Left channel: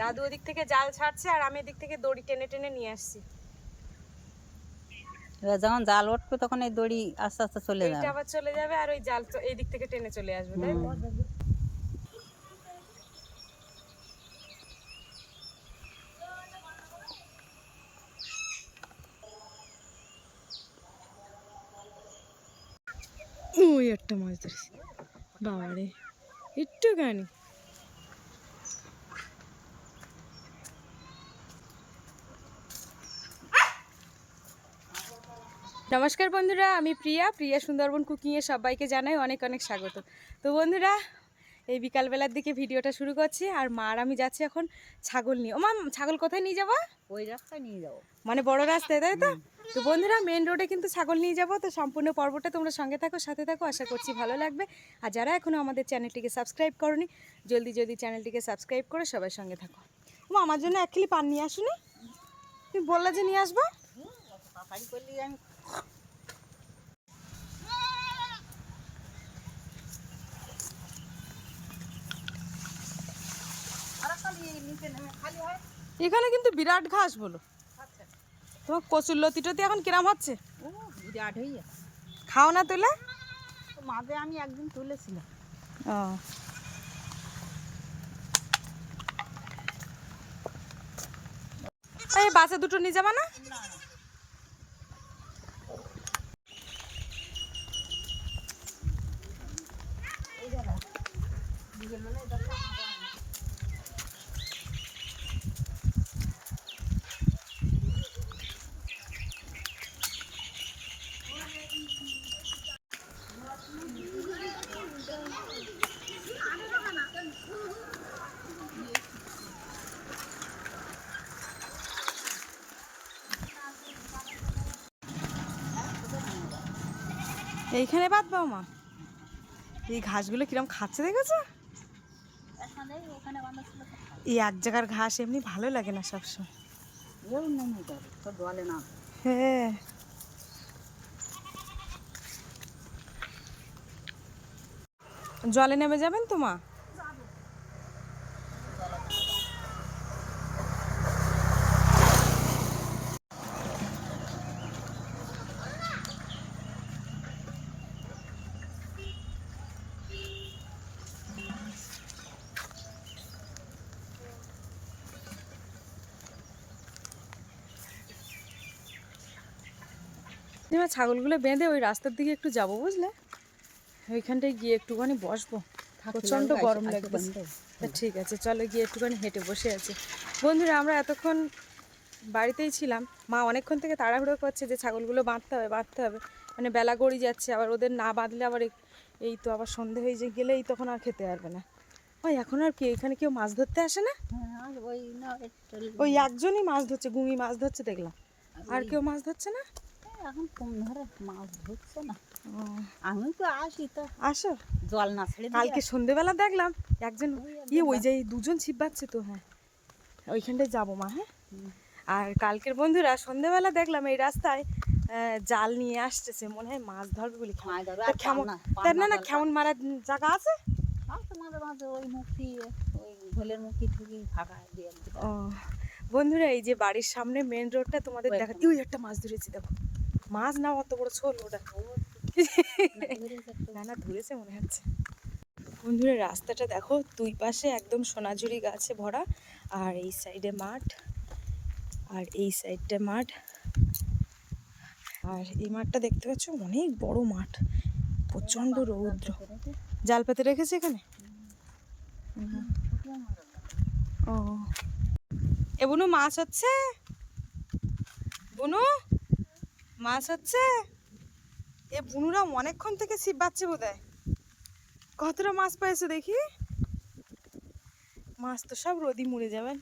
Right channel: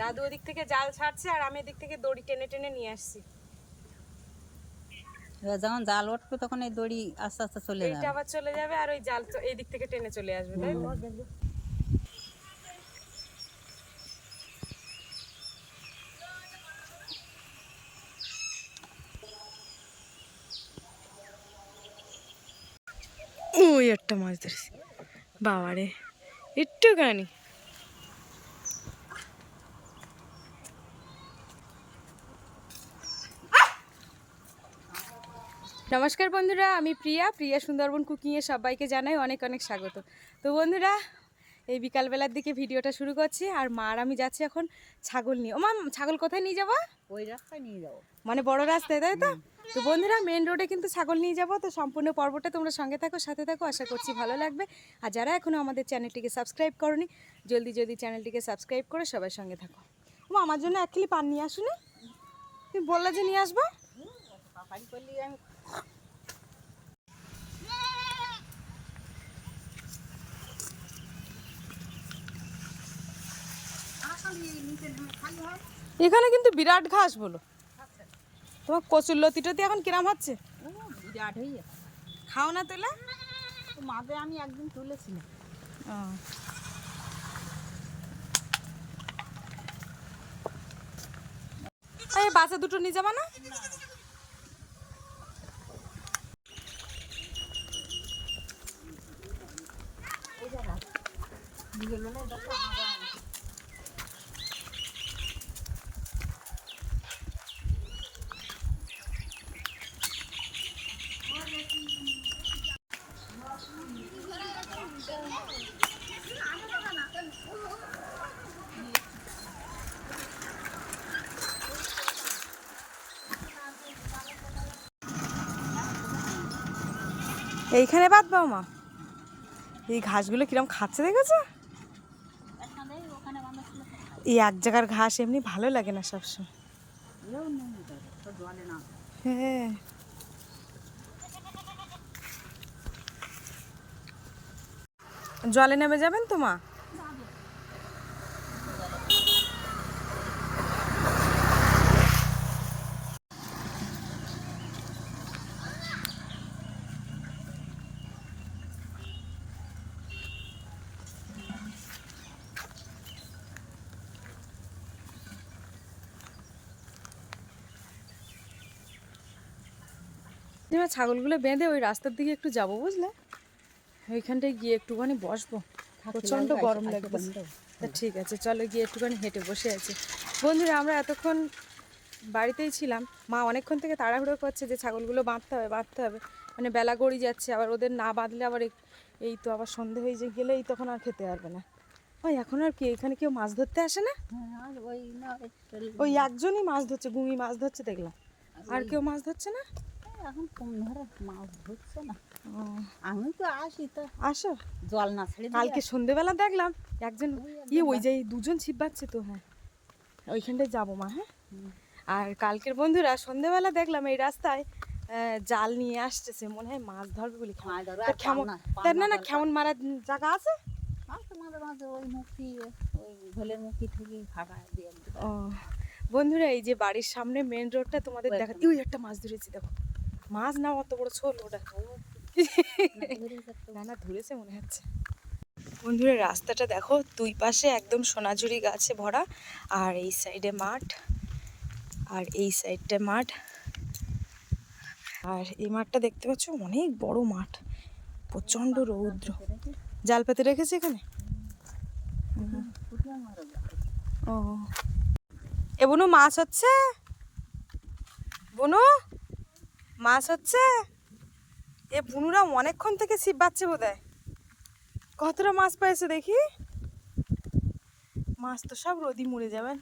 দাদু ওদিক থেকে জাল ছাড়ছে আর আমি এদিক থেকে দড়ি টেনে টেনে নিয়ে আসছি। যখন জাল উঠবে তখন এই দড়ি আস্তে আস্তে চলে এইটা যাবে। আবার চলে যাবে আর ওই জাল এই দিক থেকে টেনে চলে আসবে তাই তো? ওই একটা মাছ ধরেছি। বাবারে একটুখানি। নমস্কার বন্ধুরা আমি প্রিয়া। প্রিয়া সুন্দরবন কুকিংয়ে সবাইকে জানাই অনেক অনেক স্বাগত। তো বন্ধুরা এই বিকালবেলার দিকে ভিডিওটা শুরু করছি আর মা আর আমি যাচ্ছি এখন ছাগল নিয়ে। ও মা ছাগল কোথায় নিয়ে যাব? ওই রাস্তায় নিয়ে যাব। মানে বড় রাস্তায় তাই তো? তো বন্ধুরা মেন রোডে কিন্তু ছাগল নিয়ে যাব। তো সম্পূর্ণ পর্বটা তোমরা সঙ্গে থাকো সাথে থাকো। আশা করছি ভালো লাগবে। আর যারা এখনও আমাদের চ্যানেলটিকে সাবস্ক্রাইব করনি জলদি জলদি চ্যানেলটিকে সাবস্ক্রাইব করে সবাই সঙ্গে থাকো। ও আমার জন্য এক কিলি পান নিয়ে আসুনি? তুমি বললে যে নিয়ে আসব? আমি আর খালি নিচে নেমে খালি হয় এখানে কিন্তু বিরাট ঘাস বলো। তোমার কচুর লতি টতি এখন কিরাম হচ্ছে? ও বিরাট হয়ে খাও না তুলে? তো মাঝে আমি একদিন তুলেছিলাম। ও। এই বাসে দুটো নিয়ে যাবা না। এইখানে বাদ পাও মা। এই ঘাসগুলো কিরম খাচ্ছে দেখেছ। এই এক জায়গার ঘাস এমনি ভালো লাগে না সবসময়। হ্যাঁ। জলে নেমে যাবেন তো মা? ছাগলগুলো বেঁধে ওই রাস্তার দিকে একটু যাব বুঝলে? ওইখানটায় গিয়ে একটুখানি বসবো। প্রচণ্ড গরম লাগবে তা ঠিক আছে চলো গিয়ে একটুখানি হেঁটে বসে আছি। বন্ধুরা আমরা এতক্ষণ বাড়িতেই ছিলাম। মা অনেকক্ষণ থেকে তাড়াহুড়ো করছে যে ছাগলগুলো বাঁধতে হবে বাঁধতে হবে। মানে বেলা গড়ি যাচ্ছে আবার ওদের না বাঁধলে আবার এই- তো আবার সন্ধে হয়ে যে গেলেই তখন আর খেতে পারবে না। ওই এখন আর কি এখানে কেউ মাছ ধরতে আসে না? হ্যাঁ আর ওই একজনই মাছ ধরছে গুমি মাছ ধরছে দেখলাম। আর কেউ মাছ ধরছে না? এখন ধরে মাছ ধরছে না। আমি তো আসি তো। আসো। জল না ছেড়ে কালকে সন্ধেবেলা দেখলাম একজন ইয়ে ওই যে দুজন ছিপ বাচ্ছে তো হ্যাঁ। ওইখানটায় যাব মা হ্যাঁ। আর কালকের বন্ধুরা সন্ধেবেলা দেখলাম এই রাস্তায় জাল নিয়ে আসতেছে মনে হয় মাছ ধরবে বলি কেমন মাছ ধরবে তা আর কেমন পান্না- তা পান্না না না কেমন মারার জায়গা আছে? বন্ধুরা এই যে বাড়ির সামনে মেন রোডটা তোমাদের দেখা ওই একটা মাছ ধরেছি দেখো। মাছ না অত বড় ছোল ওটা না না ধরেছে মনে হচ্ছে। বন্ধুরা রাস্তাটা দেখো দুই পাশে একদম সোনাঝুরি গাছে ভরা আর এই সাইডে মাঠ আর এই সাইডটা মাঠ। আর এই মাঠটা দেখতে পাচ্ছ অনেক বড় মাঠ প্রচণ্ড রৌদ্র। জাল পেতে রেখেছে। এখানে। ও। এ বুনু মাছ হচ্ছে? বুনু? মাছ হচ্ছে? এ বুনুরা অনেকক্ষণ থেকে ছিপ বাচ্ছে বোধ হয় কতটা মাছ পাইছে দেখি? মাছ তো সব রোদি মরে যাবেন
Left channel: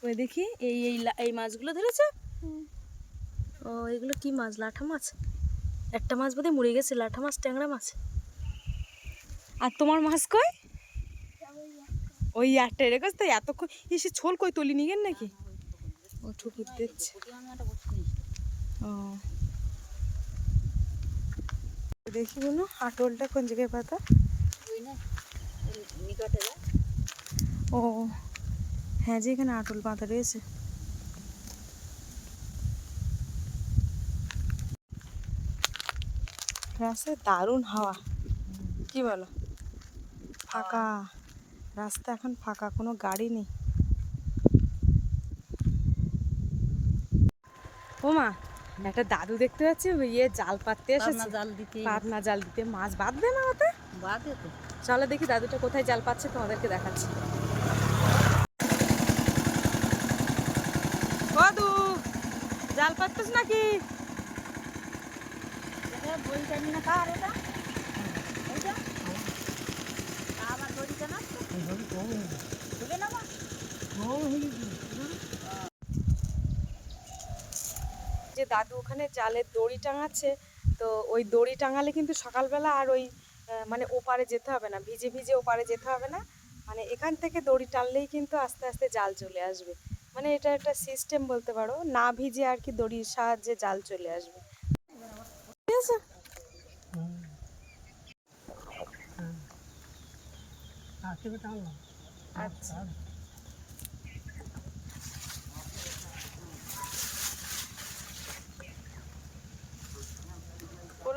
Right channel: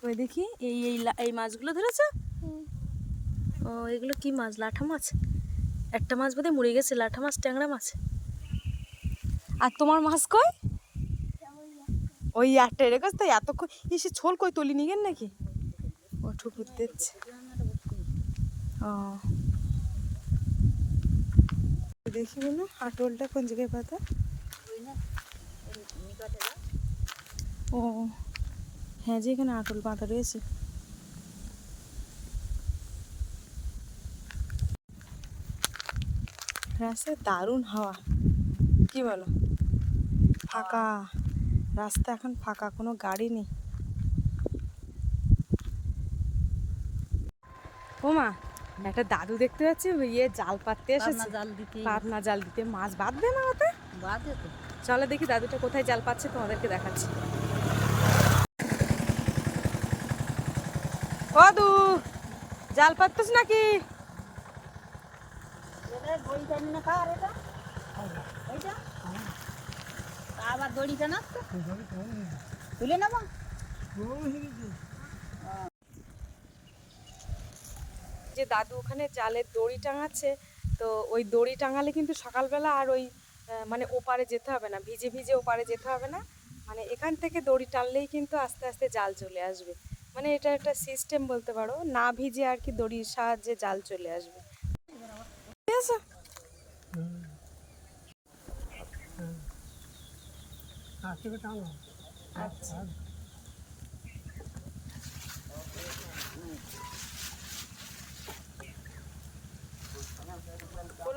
কই দেখি এই এই এই মাছগুলো ধরেছ? ও এগুলো কি মাছ? লাঠা মাছ? একটা মাছ বোধহয় মরে গেছে লাঠা মাছ ট্যাংরা মাছ। আর তোমার মাছ কই? ওই একটা রেখেছ তো এতক্ষণ এসে ছোল কই তলি নিগেন নাকি? ও ঠুকুর দিচ্ছে। দেখি বলো, আটলটা কোন জায়গায় পাতা? ও হ্যাঁ যে এখানে আটল বাঁধা রয়েছে। রাস্তায় দারুণ হাওয়া। কি বলো? ফাঁকা। রাস্তা এখন ফাঁকা, কোনো গাড়ি নেই। ওমা একটা দাদু দেখতে পাচ্ছি ওই ইয়ে জাল পাততে পাবনা এসেছে। জাল দিতে। পাতনা জাল দিতে। মাছ বাঁধবে না ওতে? বাদে তো। চলো দেখি দাদুটা কোথায় জাল পাচ্ছে তোমাদেরকে দেখাচ্ছি। দাদু জাল পাতছিস নাকি? এটা দড়ি টানি না কার এটা? এইটা? আবার দড়ি টানা তুলে নেব যে দাদু ওখানে জালের দড়ি টাঙাচ্ছে তো ওই দড়ি টাঙালে কিন্তু সকালবেলা আর ওই মানে ওপারে যেতে হবে না ভিজে ভিজে ওপারে যেতে হবে না। মানে এখান থেকে দড়ি টানলেই কিন্তু আস্তে আস্তে জাল চলে আসবে। মানে এটা একটা সিস্টেম বলতে পারো না ভিজে আর কি দড়ির সাহায্যে জাল চলে আসবে। ঠিক আছে? আচ্ছা।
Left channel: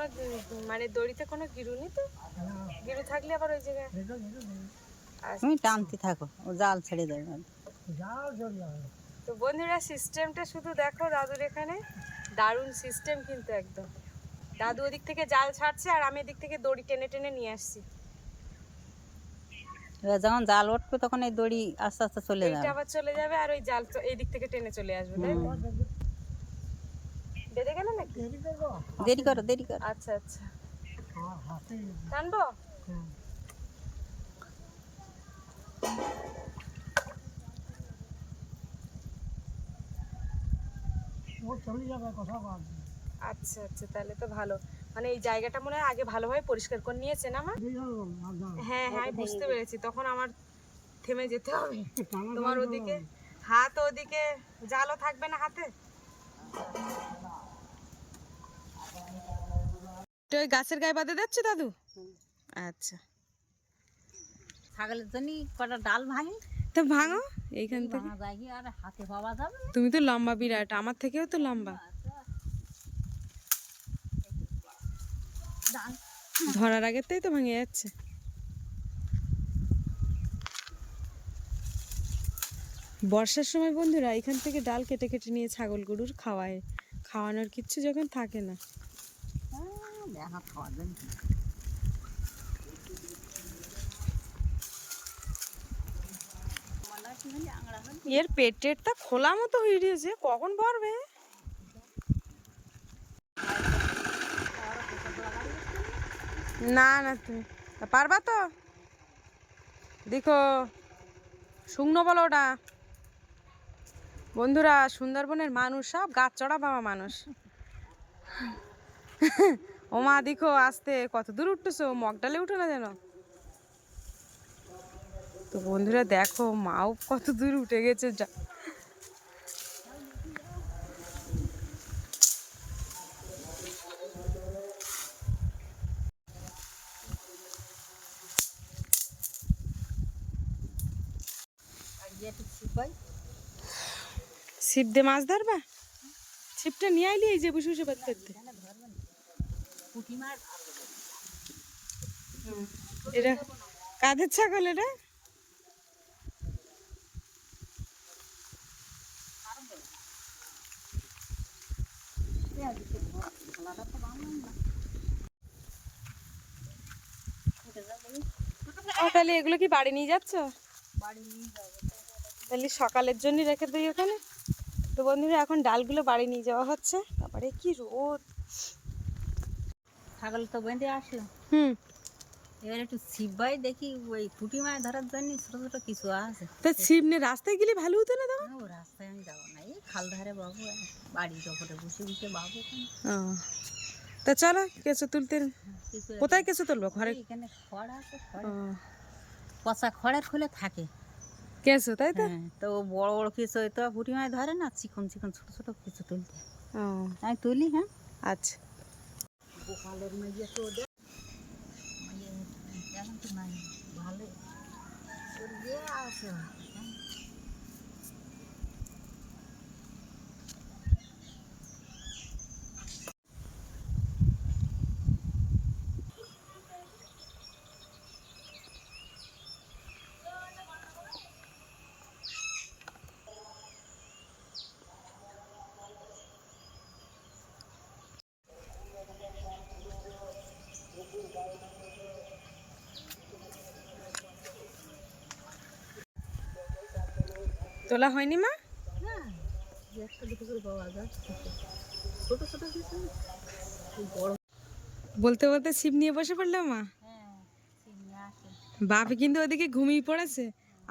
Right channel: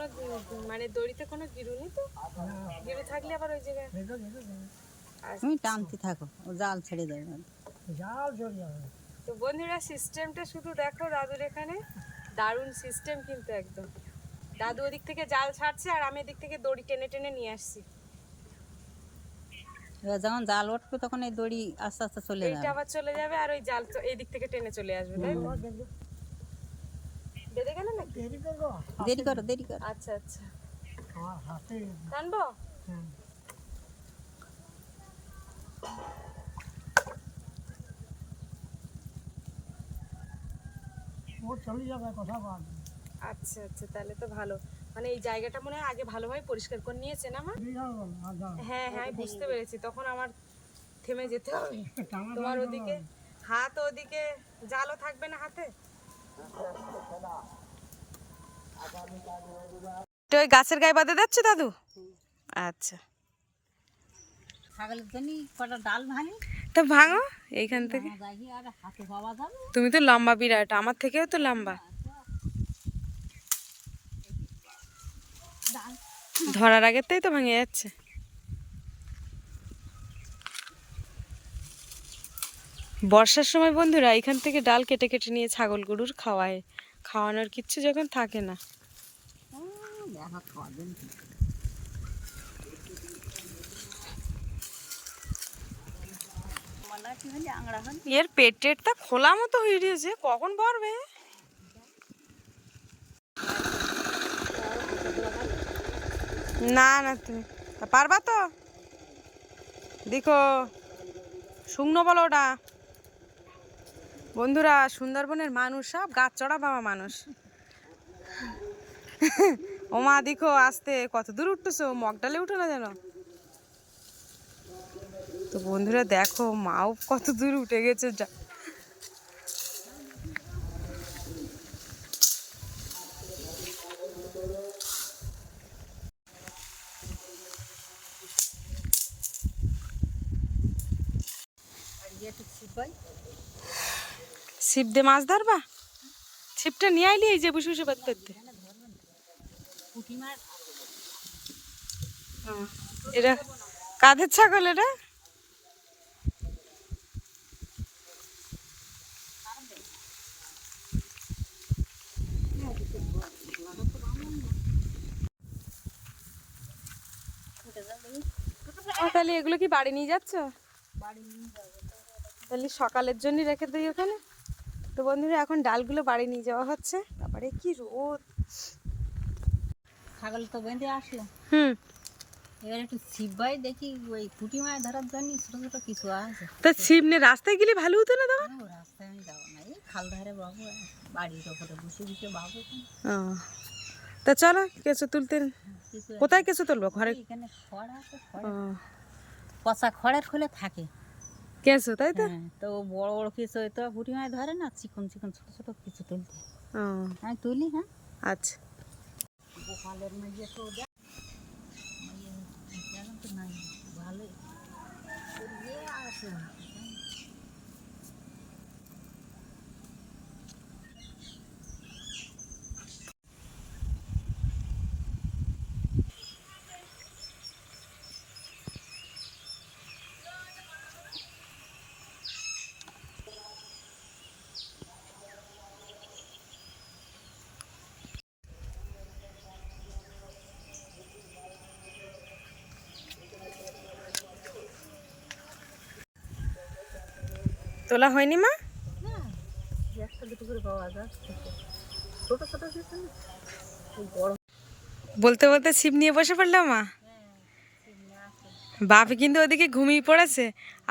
কোনো মানে দড়িতে কোনো গিরু নেই তো? গিরু থাকলে আবার ওই জায়গায়। তুমি টানতে থাকো ও জাল ছেড়ে দেবে তো বন্ধুরা সিস্টেমটা শুধু দেখো দাদুর এখানে। দারুণ সিস্টেম কিন্তু একদম। দাদু ওদিক থেকে জাল ছাড়ছে আর আমি এদিক থেকে দড়ি টেনে টেনে নিয়ে আসছি। যখন জাল উঠবে তখন এই দড়ি আস্তে আস্তে চলে এইটা যাবে। আবার চলে যাবে আর ওই জাল চ- এই দিক থেকে টেনে চলে আসবে তাই তো? গেল নাকি? দেরি করো দেরি করো। আচ্ছা আচ্ছা। টানবো? আচ্ছা আচ্ছা তাহলে তো ভালো। মানে এই জায়গাটা মনে হয় আগে ভালোভাবে পরিষ্কার করে নিয়েছেন আমার হ্যাঁ হ্যাঁ আমি বুঝতে পেরেছি। তখন আমার থেমে যেতে হবে। তোমার ওদিকে হাত ওদিকে জালও থাকবে না হাতে? তো ওই গাছের গায়ে বাঁধে যাচ্ছে দাদু? আচ্ছা। ছাগলের জন্য কটা ডাল ভাঙি। তো ভাঙো এইখান থেকে। ভাঙা যায় কি আর হাতে পাওয়া যাবে? তুমি তো লম্বা বিরাট আমার থেকেও তো লম্বা। ডাল ধরার আগেতেই তো ভাঙে যাচ্ছে। বর্ষার সময় বন্ধুরা এখান থেকে ডাল কেটে কেটে নিয়ে ছাগল গরুর খাওয়ায়। খাওয়ানোর কিচ্ছু যখন থাকে না। এর পেট টেটটা খোলা মতো হয়ে গিয়েছে কখন ভরবে? না না, তুমি পারবা তো? দেখো, শুকনো বলো ওটা বন্ধুরা, সুন্দরবনের মানুষ সব, গাছ চড়া বাবা মানুষ। ও মা, দেখো, আসতে কত দূর উঠতেছো মগডালে উঠো না যেন? তো বন্ধুরা, দেখো, মাও কত দূর উঠে গেছে যা- আর ইয়ে একটু ছিপাই ছিপ দিয়ে মাছ ধরবা? ছিপটা নিয়ে আইলি এই যে বসে বসে বাদ করতে এটা কাদের ছাগল এটা তাহলে এগুলো কি বাড়ি নিয়ে যাচ্ছ? তাহলে সকালের জন্য রেখে দিই ওখানে? তো বন্ধুরা এখন ডালগুলো বাড়ি নিয়ে যাওয়া হচ্ছে। তারপরে কি রোদ। ছাগল তো বেঁধে আসলো। হুম। এবার একটু ছিপাই দেখি ওই পুঁটি মাছ ধরার জন্য ছোট ছোট কিছু আছে। তা ছিপ নিয়ে রাস্তায় গেলে ভালো হতো না তখন রাস্তায় আমি যাব না। এই খাল ধারে বাবু বাড়ির ওপরে বসে বসে বাবু তা চলো কেঁচো তুলতে। কোথায় কেঁচো তুলবো? ঘরে? এখানে খড় আছে খড়। পচা খড়ের খুলে থাকে। কেঁচো তাই তো? হ্যাঁ তো বড় বড় কেঁচো তো বুড়ি মাছ ধরে না চিকন চিকন ছোট ছোট কেঁচো তুলতে। আমি তুলি হ্যাঁ। আচ্ছা। গোপালের মাইয়া তো মাঝে জানান তো নাই তোর ইয়ে আছে জান। তোলা হয়নি মা না যে একটা দুটো করে পাওয়া যাচ্ছে তো। ছোট ছোট দিয়েছে না হয়নি মা? বলতে বলতে ছিপ নিয়ে বসে পড়লাম মা? হ্যাঁ বাপি কিন্তু ওদিকে ঘুমিয়ে পড়েছে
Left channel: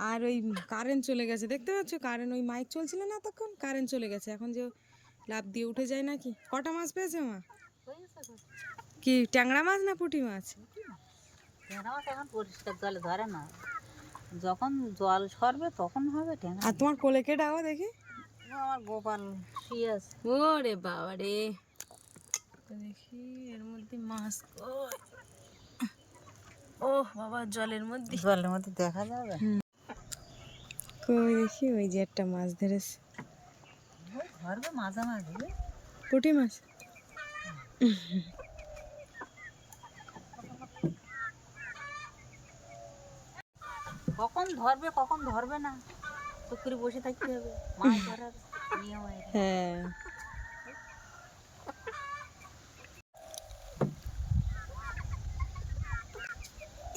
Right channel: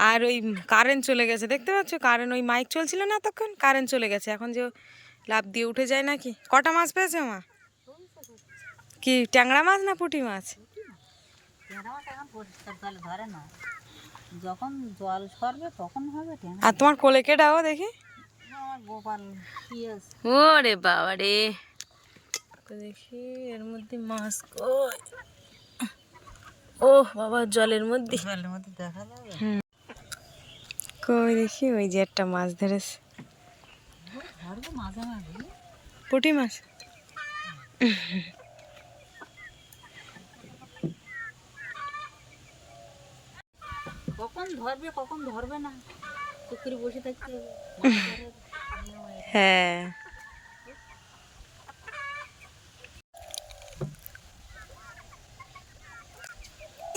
আর ওই কারেন্ট চলে গেছে। দেখতে পাচ্ছ? কারেন্ট ওই মাইক চলছিল না তখন কারেন্ট চলে গেছে। এখন যে লাভ দিয়ে উঠে যায় নাকি? কটা মাছ পেয়েছে মা? কি ট্যাংরা মাছ না পুঁটি মাছ? যখন জল সরবে তখন হবে আর তোমার কোলে কেটাও দেখি? আমার গোপাল ওরে বাবা রে। দেখি এর মধ্যে মাছ কই? ও বাবা জলের মধ্যে। জলের মধ্যে দেখা যাবে? কই দেখি ওই যে একটা মাছ ধরেছে। ধরবে মাঝে মাঝে পুঁটি মাছ? কখন ধরবে কখন ধরবে না? চুপ করে বসে থাকতে হবে। হ্যাঁ।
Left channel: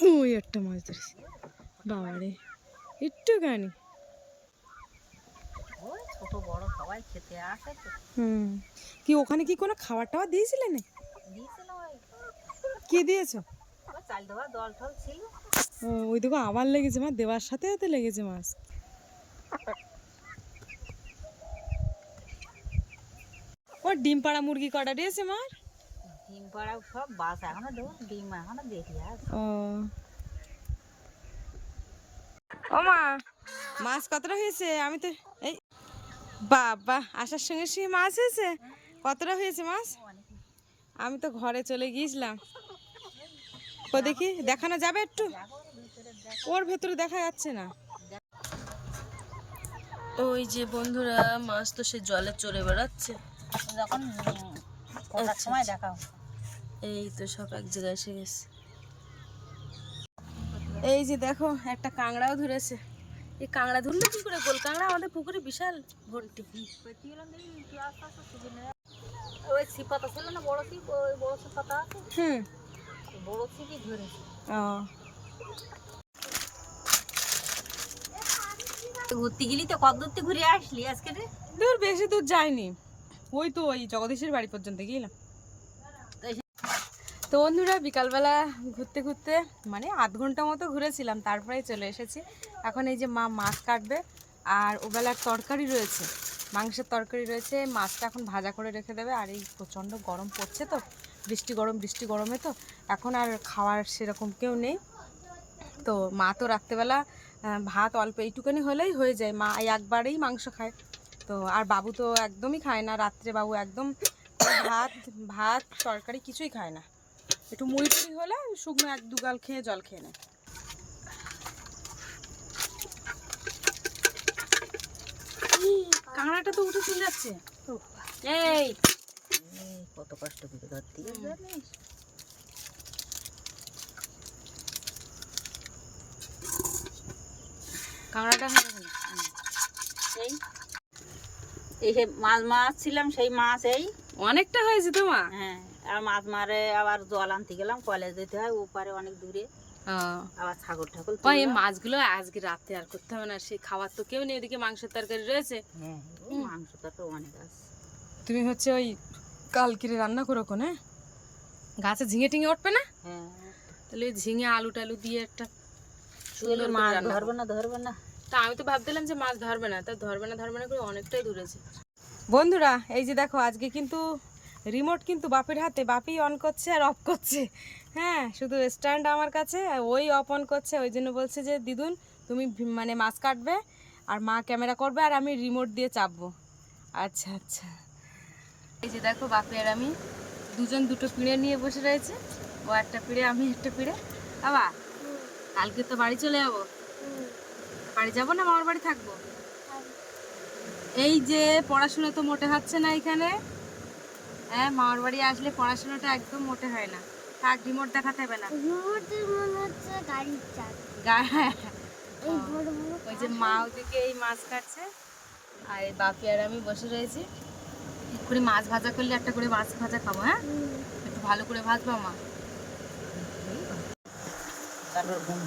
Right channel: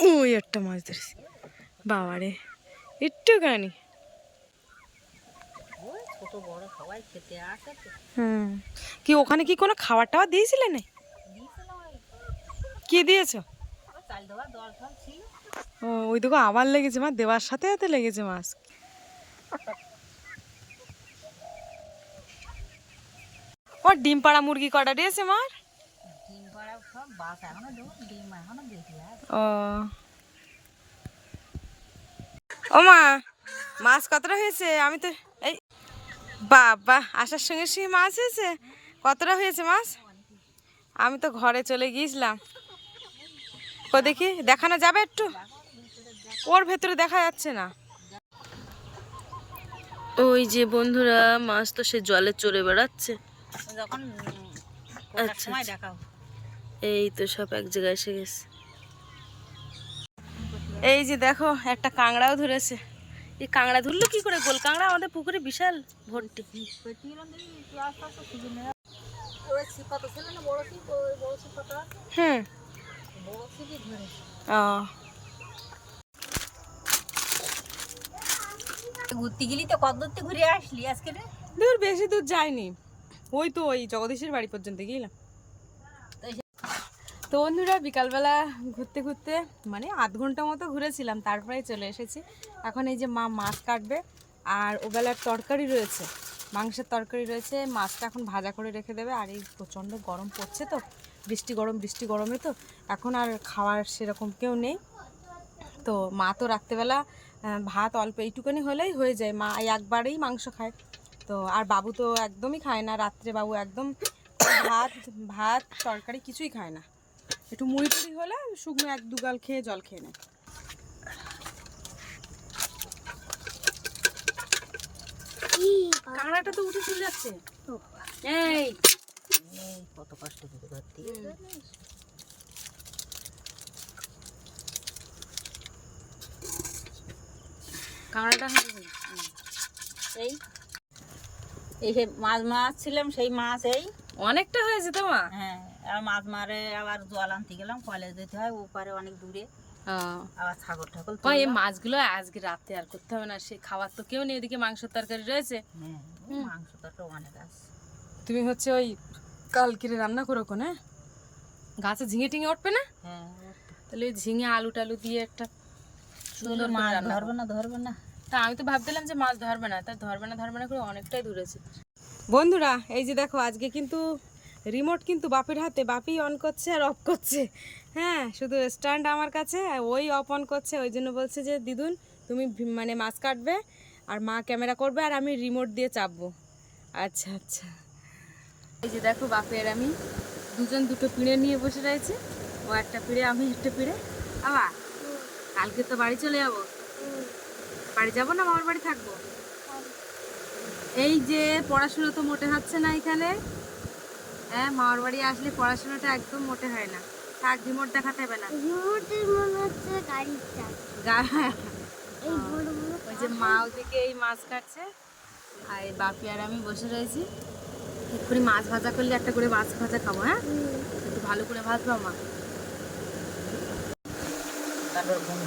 ওই একটা মাছ ধরেছি। বাবারে একটুখানি। ওই ছোট বড় সবাই খেতে আসে তো। হুম। কি ওখানে কি কোনো খাবার টাবার দিয়েছিলে না কি দিয়েছ? চাল দেওয়ার দল ফল ছিল। ওই দেখো আবার লেগেছে মা দেওয়ার সাথে সাথে লেগেছে মাছ ও ডিম পাড়া মুরগি কটা দিয়েছে মার? ডিম পাড়া সব বাস এখনও ডিম এখনও দেখি ও। ও মা মাছ কতটা হয়েছে? আমি তো এই বাবা আসার সঙ্গে সঙ্গে মাছ হয়েছে? কতটা হয়েছে মাছ? আমি তো ঘরে চলে গিয়েছিলাম। ও দেখি দেখানো যাবে একটু? ওর ভেতরে দেখা যাচ্ছে না। ওই যে বন্ধুরা মাছ তো সে জলে চড়ে বেড়াচ্ছে। যখন আচ্ছা, আচ্ছা। এই তো সব এক জায়গায় এসে গেছে। এই যে দেখো একটা কাঁকড়াও ধরেছে। এই কাঁকড়া ধরলো কি করে গোল? কাঁকড়া আমাদের পুকুরে বিশাল ভর্তি। ওই ছিপাতা ছিল না বড় ছিপ ওই বড় ছিপাতা আছে? হুম। বড় ধরেছে। ও ঘুরতে গেলি তো কত দূরতে ঘুরে আসলি আজকে দূর, বেশি দূর যায়নি ওই তো ওই জগদীশের বাড়ি পর্যন্ত গেলাম। তো বন্ধুরা, বিকালবেলা ঘুরতে ঘুরতে মানে আধ ঘণ্টা মতো ঘুরেছিলাম তারপরে চলে এসেছি। এখন এই যে মা মাছ কাটবে, আর ওবেলার তরকারি রয়েছে, মাংসের তরকারি রয়েছে, মাছটা এখন ভাজা করে রেখে দেবে। আর এই প্রচণ্ড গরম পড়ছে তো, বৃষ্টি গরম, বৃষ্টি গরমে তো, এখন আর খাওয়ার সেরকম কেউ নেই। তো মা তো রাত্রেবেলা ভাত অল্প এইটুকুনি হলেই হয়ে যায়। মা একবারেই মাংস খায়। তো আর বাবু তো একদমই খায় না। রাত্রে বাবু একদম ভাত ভাত তরকারি কিছুই খায় না। একটু মুড়ি টুড়ি হলে শুকনো এক দুগাল খেয়ে জল খেয়ে নেয়। কাঁকড়াটা তো উঠে চলে যাচ্ছে। এই। কত কষ্ট করে ধরতে গেছে জানিস? কাঁকড়াটা এই। এই যে মাছ সেই মাছ এই। অনেকটা হয়েছে তো মা? হ্যাঁ আর মাছ মারে আবার জল আনতে গেলাম কলেজ যেতে হয় ওপারে অনেক দূরে। আবার ছাগল এই মাছগুলো আজকে রাতে আর করতে হবে না সে খাবার তো কেউ নেই তরকারি রয়েছে। হ্যাঁ মাংস তরকারি অনেক আছে। তুমি হচ্ছে ওই কালকিরে রান্না করো কোনে? গাছে ঝিঙে টিঙে উঠবে না? হ্যাঁ তাহলে ঝিঙে আলু টালু দিয়ে একটা সুন্দর মাছ রান্না ধরবে না ধরবে না। তা আমি তো ভাবছিলাম যে মাছ ধরবে না তা ধরবে না ধরবে না করে অনেকটাই দূরেছে বন্ধুরা এই যে দেখো আজকে কিন্তু রিমোট কিন্তু বাপের হাতে বাপি অন করছে আর অফ করছে। হ্যাঁ শুধু স্ট্যান্ড আমার কাছে ওই অফ অন করছে। ওই জন্য বলছে যে দিদুন তুমি মানে মাছ কাটবে আর মা ক্যামেরা করবে আর আমি রিমোট দিয়ে চাপবো। আচ্ছা আচ্ছা। এই যে দেখো বাপি আর আমি দুজন দুটো পিঁড়ে নিয়ে বসে রয়েছে। ও একটা পিঁড়ে আমি একটা পিঁড়ে। আবার কালকে তো বাড়ি চলে যাব। বাড়ি যাব না? মামার বাড়ি থাকব? এই যে পড়াশোনা তো মোটে হচ্ছে না এখানে। হ্যাঁ মামার বাড়ি আসলে পড়াশোনাটা একদম মোটে হয় না। থাক রিমোট দেখাতে হবে না। রিমোটের মনে হচ্ছে গাড়ির বড় ওই যে মা ওদিকে এই মাছ কাটছে। আর এই বাপি আর আমি বসে রয়েছি। এক্ষুনি মাছ ভাজা করলে একটা করে মাছ ভাজা খাব হ্যাঁ? একটু ভালো করে ভাজবো মা। তারপর ঘুম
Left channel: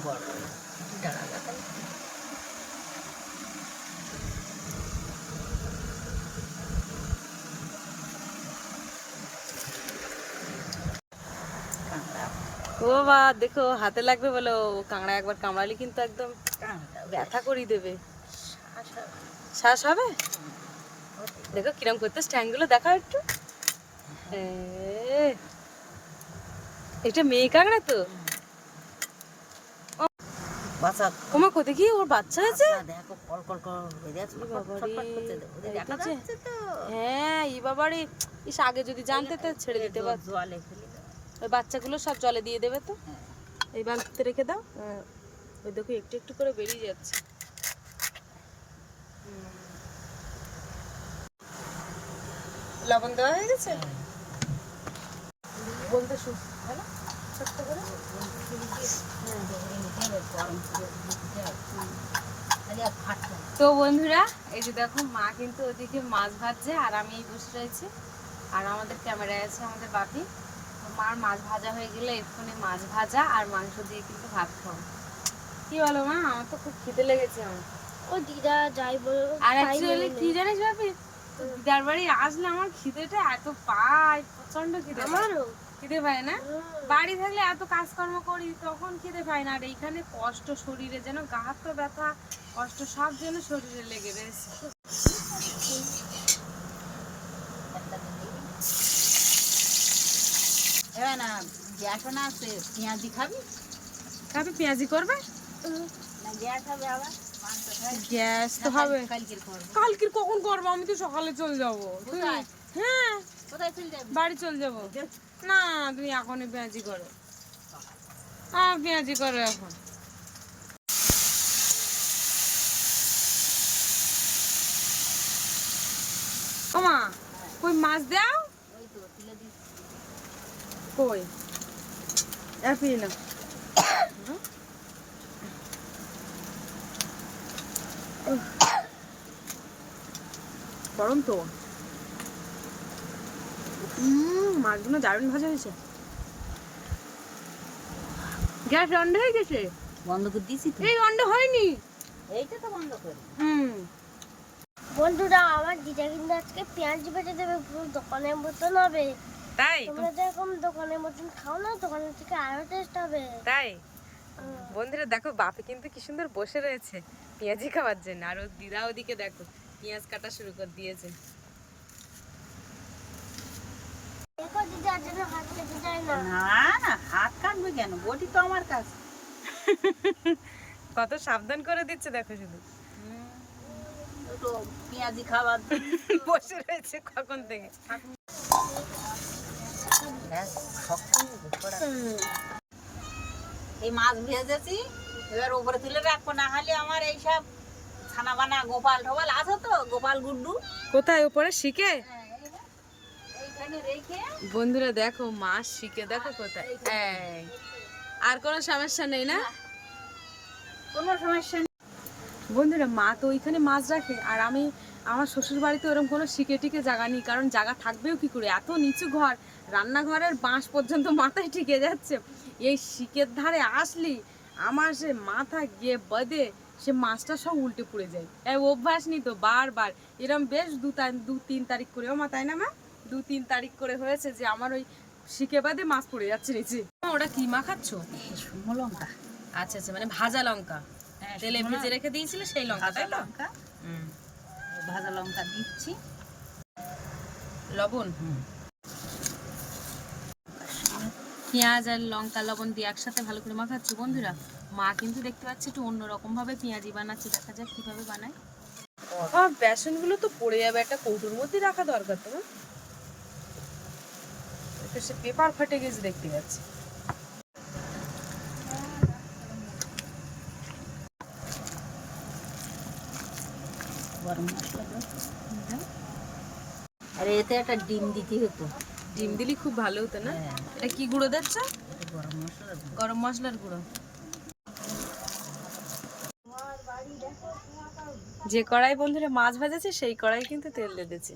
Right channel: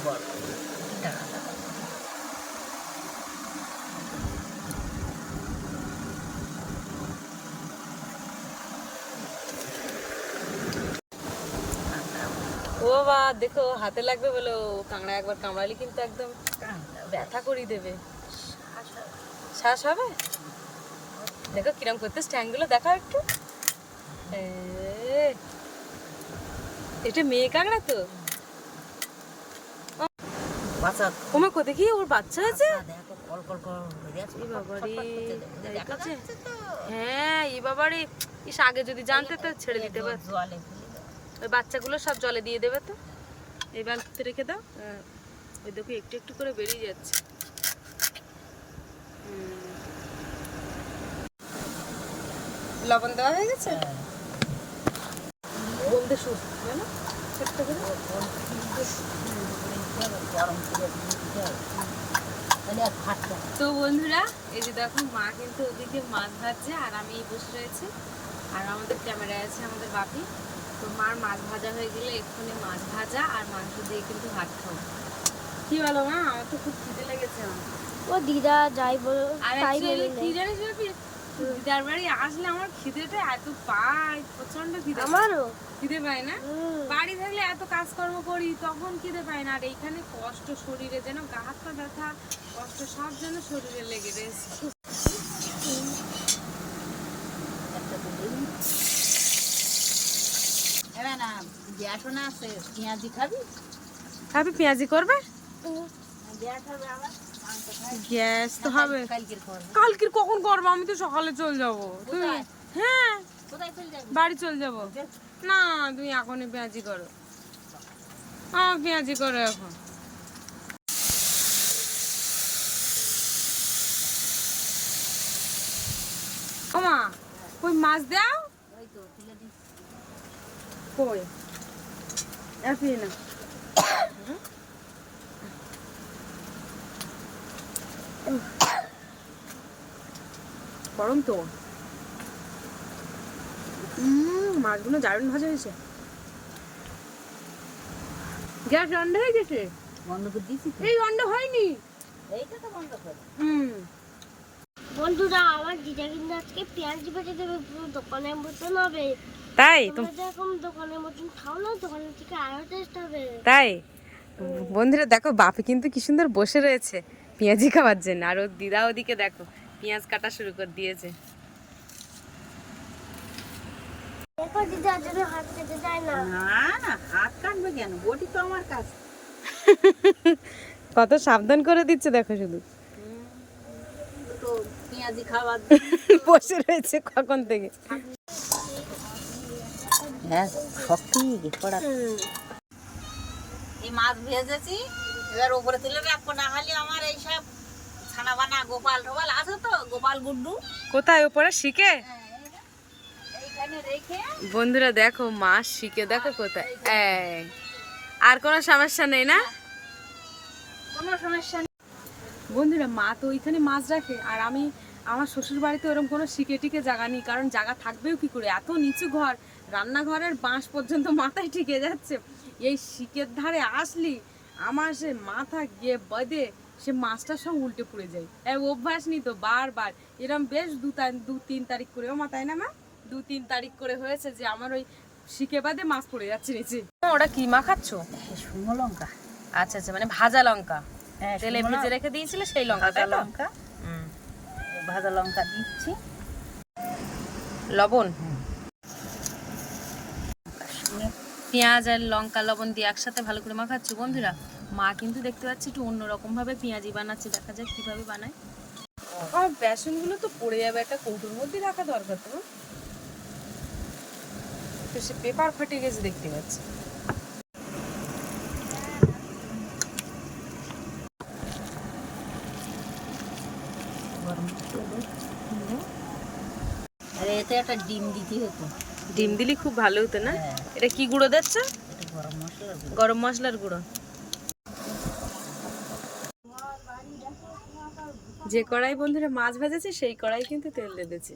দেখো, হাতে লাগবে বলো। কাঁকড়া একবার কামড়ালে কিন্তু একদম ব্যথা করি দেবে। শ্বাস হবে? দেখো, কিরম করতে স্ট্যাংগুলো দেখা একটু। এটা মেয়ে কাঁকড়া তো? বাচ্চা ওমা কো ওর বাচ্চা হয়েছে দেখো কল কল কল হয়ে এই বাবারে, হ্যাঁ এই ইস আগে যদি জানতে তো ছেড়ে দিতে পারত। জলে ওই বাচ্চাগুলো সব জলে দিয়ে দেবে তো? এই বালতিতে রেখে দাও হ্যাঁ, ওই দেখো একটু একটু করে বেরিয়ে যাচ্ছে। লবণ দেওয়া হয়ে গেছে? বলতে সুস্থ না ছোট্ট করে। গরম করে দিতে হবে তো বন্ধুরা এই যে দেখো মা কিন্তু ওদিকে মাছ ভাজছে আর আমি এই বসে রয়েছি। আর আমাদের ক্যামেরায় আছে আমাদের বাপি। তো মার মাছ ভাজা হয়ে গেলে এক্ষুনি মাছ ভাজা আর মাংস দিয়ে কিন্তু ভাত খাব। কি বলো মা? আমার তো খুব খিদে লেগেছে আমার। ও দিদা যাই বলো আর অ্যাকচুয়ালি কি জানিস বাপি? দিদার বাড়ি আসলে আমার খিদেটা এত পায় প্রচণ্ড খিদে আমারও। খিদে পায় না? বাড়ি থাকলে এত কাজকর্ম করি তখন খিদে পায় না। আর এইখানে কষ্ট শরীরে যেন গা হাত পা ব্যথা কষ্ট সব যেন শরীরে লেগে রয়েছে। না গ্যাস না আছে পেঁয়াজি খাবি? খাবি পেঁয়াজি করবে? গ্যাস হবে আবার মাংস খাই গ্যাস তো হবে। কালকের কখন করব? আমি তো সকালে চলে যাব। হ্যাঁ। বাড়ি চলে যাব। না, তুমি এখনই পেঁয়াজি করো। হ্যাঁ পেঁয়াজি করো এখন। ওমা কই মাছ দাও? কই? এপি না। গরম তো। মাছগুলো দারুণ ভাজা হয়েছে। গ্যাস অন্ড হয়ে গেছে? বন্ধ করে দিছি এই অন্ড হয়নি? এইটা তো বন্ধ করে হুম। বন্ধুরা আমার দিদা কিন্তু আজকে পেঁয়াজ বেটে দেবে পুরো দোকানের মতন হবে। তাই? তোমরা যেরকম দোকানের মতন খাও না দোকানের থেকে আরও টেস্ট হবে। তাই? বন্ধুরা দেখো বাপি কিন্তু কি সুন্দর বসে রয়েছে পেঁয়াজি খাওয়ার জন্য। আর ওর দিদা ওদিকে দেখো পেঁয়াজ কাটা শুরু করে দিয়েছে দেখো দিদা যদি হাত কেটে যায় না না না হাত কাটবে কেন বটি তো আমার কাছে কত সাবধান করে দিচ্ছে দেখো শুধু। পেঁয়াজি খাবার বসে রয়েছে কখন থেকে। হ্যাঁ এই মাছ ভেজেছি এবার ওপরে তুলে রাখব না হলে আমার এইসব ছানা বানা গোপাল টোপাল আছে তো গোপাল গুড্ডু। কোথায় ওপরে শিখে? রেখে বন্ধুরা দেখো মাছ শিখে দেখো কোথায়। আর কোনো সমস্যা নেই না? কোনো সমস্যা নেই। বন্ধুরা মা তো ওইখানে মাছ রাখে আর আমি আমার শ্বশুর বাড়িতে ওরকম কোনো শিকে টিকে জায়গা নেই কারণ জায়গা থাকবেও কি করে? এত নিচু ঘর রান্নাঘরের বাঁশ পর্যন্ত মাথায় টিকে যাচ্ছে। এই শিকের ধারে আসলি আমার সে মাথা গিয়ে বদে সে মাছটা সব উল্টে পড়ে যায়। অভ্যাস নি তো বারবার। এরম বেশ দু দু তিন তারিখ করেও মা তাই না মা? দু তিন তারিখ করে হয়েছে যে আমার ওই শিকে বাদে মাছ পড়ে যাচ্ছে নিচে। ওটা কি মা খাচ্ছ? শুকনো লঙ্কা। আচ্ছা আচ্ছা মানে ভাজা লঙ্কা। হ্যাঁ তেলে ভিজে রেখে দিয়েছিলে সেই লঙ্কা তাই লঙ্কা। ভাজা লঙ্কা দিচ্ছি। লবণ? পেঁয়াজ আর লঙ্কা লবণ দিয়ে একসাথে ভালো করে মাখাচ্ছি বন্ধুরা? মা কিন্তু দেখতে পাচ্ছি একটু অন্যরকম ভাবে পেঁয়াজি বানাচ্ছে দেখা যাক কীভাবে বানায়। বেসনগুলো তো পড়ে যাবে একটা কৌটোর মধ্যে রাখা দরকার তোমার তো সে পেপার ফাটে গেছে দেখতে পাচ্ছি। গরম মশলা দে এতে একটা ডিম দিতে হতো। ডিম দিলি খুব ভালো হতো না? হ্যাঁ। এটা কি গুঁড়ো দিচ্ছ? গরম মশলা গুঁড়ো। গরম মশলার গুঁড়ো। যে কড়াই বন্ধুরা মাছ ভাজেছে সেই কড়াই কিন্তু তেল দিয়েছে।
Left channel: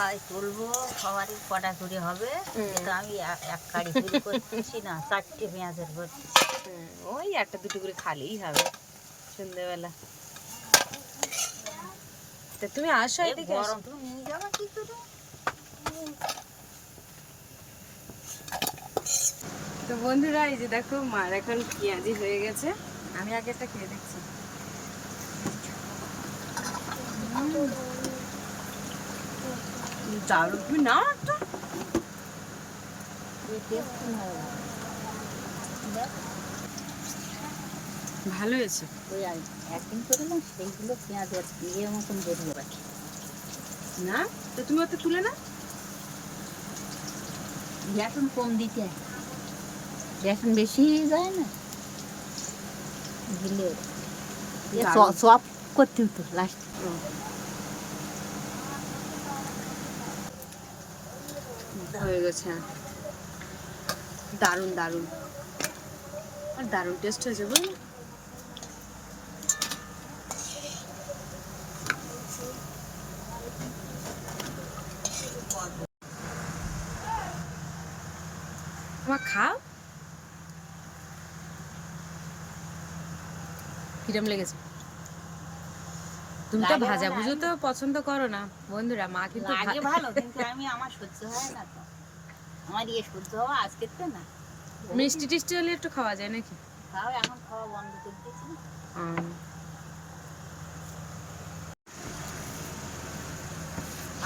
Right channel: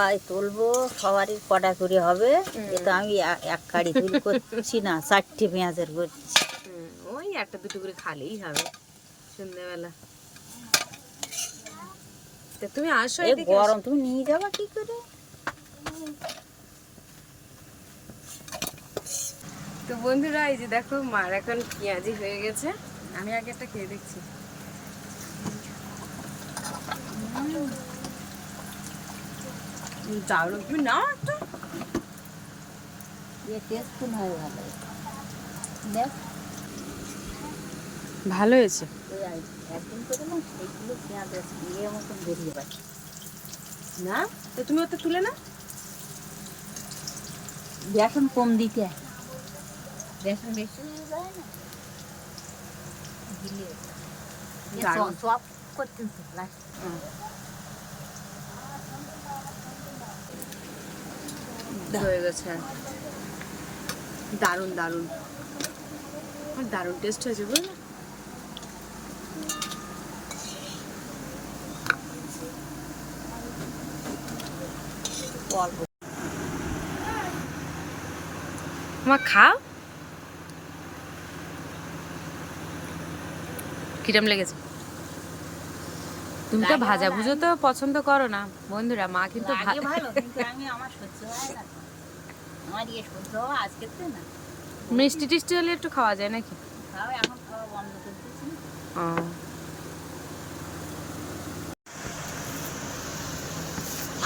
সবাই তুলবো সবারই কটা করে হবে কিন্তু আমি এক কাড়ি তুলি করছি না চারটে পেঁয়াজের করছি ওই একটা দুটো করে খালেই হবে সন্ধ্যেবেলা। তা তুমি আসো এদিকে গরম তুমি নিয়ে যাবে কি করে? তো বন্ধুরা এই যে দেখো মার এখন পেঁয়াজি হয়ে গেছে। আমি আগে একটা খেয়ে দেখছি। দারুণ। তুমি নাও একটা। ভালো হয়েছে। না? তো তুমি ওটা তুলে না বেসন কম দিতে। বেসন বেশি যায় না। দিলে সব করতে হতো লাস্ট হয়ে গেছে। দারুণ দারুণ। আর দারুণ টেস্ট হয়েছে বুঝলে? অল্প খাও। কিরম লেগেছে? তুমি তো ভাজা ভুজো তো পছন্দ করো না। বন্ধুরা মা কিন্তু লাগে ভালো কিন্তু আমি আমার সহ্য হয় না তো। আমার ইয়ে সহ্য হওয়া আজকে তো না। মিষ্টি টিষ্টি হলে একটু খাওয়া যায় নাকি? তাও এখন খাওয়া বন্ধ করে দিয়েছি না।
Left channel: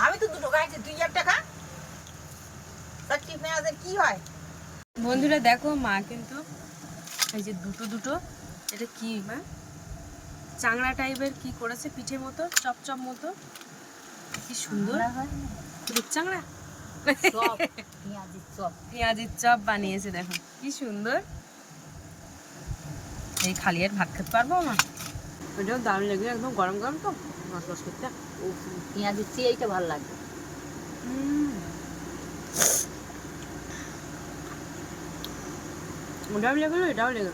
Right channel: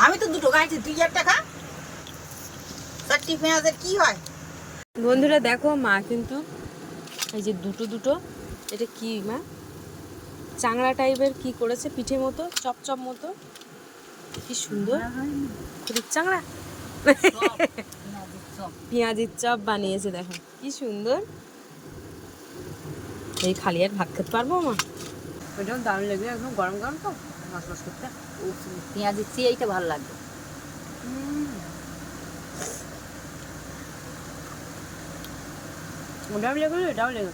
আমি তো দুটো গাইছি তুই একটা খা। চারটি পেঁয়াজের কি হয়? বন্ধুরা দেখো মা কিন্তু এই যে দুটো দুটো এটা কি মা? চাংড়া টাইপের কি করেছে? পিঠে মতো চপচপ মতো। কি সুন্দর। খুব চাংড়া? চপ পেঁয়াজের চপ। বানিয়েছে দেখো। কি সুন্দর। এই খালি আর ভাত খেতে পারব আমার ওইটাও দারুণ লাগবে একদম গরম গরম তো। মাছ মাছ করতে। পেঁয়াজের চেয়ে এইটা ভালো লাগবে ওটাও লেগে এটাও লেগে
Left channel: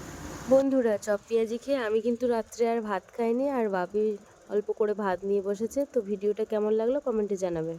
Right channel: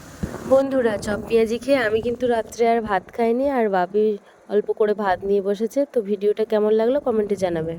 বন্ধুরা, চপ পেঁয়াজি খেয়ে আমি কিন্তু রাত্রে আর ভাত খাইনি আর বাবি অল্প করে ভাত নিয়ে বসেছে, তো ভিডিওটা কেমন লাগল কমেন্টে জানাবে।